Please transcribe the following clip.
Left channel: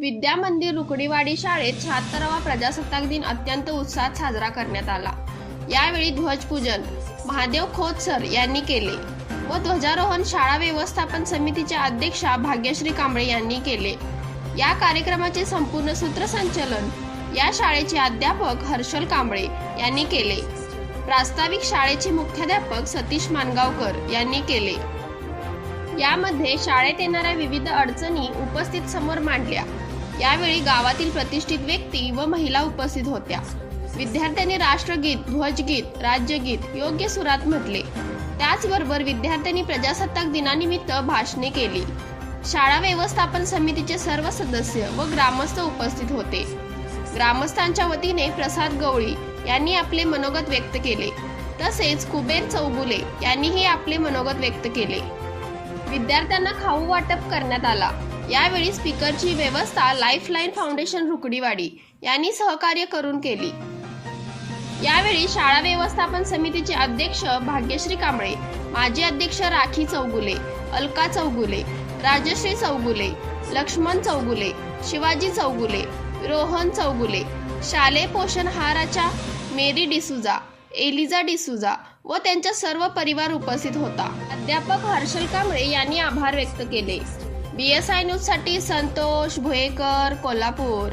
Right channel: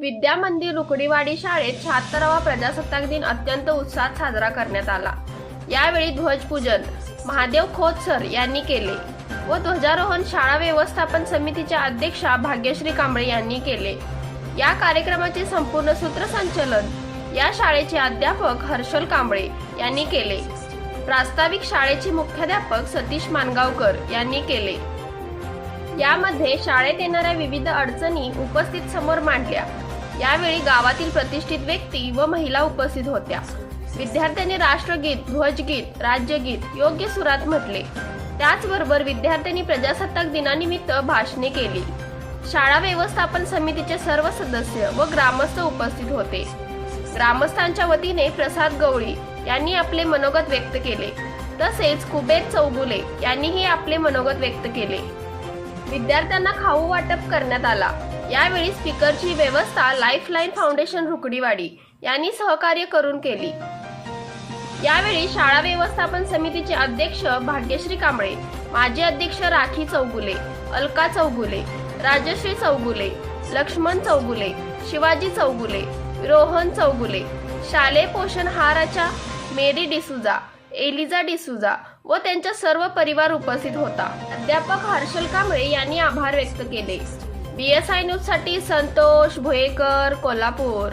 विद्या मंदिर रुकडीवाडी शाळेत शहात्तरावा प्रजासत्ताक दिन अत्यंत उत्साहात साजरा करण्यात आला. यावेळी ध्वजपूजन महादेव खोत सर यांनी केले व ध्वजारोहण शाळा व्यवस्थापन समितीच्या अध्यक्षा भाग्यश्री कांबळे यांनी केले. या कार्यक्रमाचे संपूर्ण सूत्रसंचलन या शाळेचे अध्यापक हर्षल कांबळे यांनी केले. प्रास्ताविक शाळेचे मुख्याध्यापक सतीश मानगावकर यांनी केले. यामध्ये शाळेत येणाऱ्या विविध अडचणी उपस्थित समोर मांडल्या. यावेळी गावातील प्रतिष्ठित व्यक्ती व महिला उपस्थित होत्या. विद्यार्थ्यांनी राष्ट्रगीत ध्वजगीत राज्यगीत योग्य सुरात म्हटले. त्याचबरोबर विद्यार्थ्यांनी प्रजासत्ताक दिनानिमित्त भाषणे केली. शाळा व्यवस्थापन समितीचे सर्व सदस्य व ग्रामस्थ उपस्थित होते. ग्रामस्थांच्या वतीने प्रसाद गवळी यांनी आपले मनोगत व्यक्त केले. तसेच कुबेर चौगुले यांनीही आपले मनोगत व्यक्त केले. विद्यार्थ्यांना खाऊ वाटप करण्यात आला. यावेळी स्पीकरची व्यवस्था लाईफलाईन फाउंडेशन रुकडीवाडी यांनी सहकार्य करून केली. यावेळी शाळा व्यवस्थापन समितीचे अध्यक्ष भाग्यश्री कांबळे माजी अध्यक्ष राखी चौगुले अलका चौगुले राजश्री चौगुले लक्ष्मण चौगुले शिवाजी चौगुले रोहन चौगुले शालेय पोषणहाराच्या मेरी डिसुजा एलिझा डिसुजा व त्यांचा सर्व परिवार उपस्थित होता. अध्यापक हर्षल कांबळे यांनी आभार व्यक्त केले. बी एस आय न्यूजसाठी संतोष भुयेकर कोल्हापूर.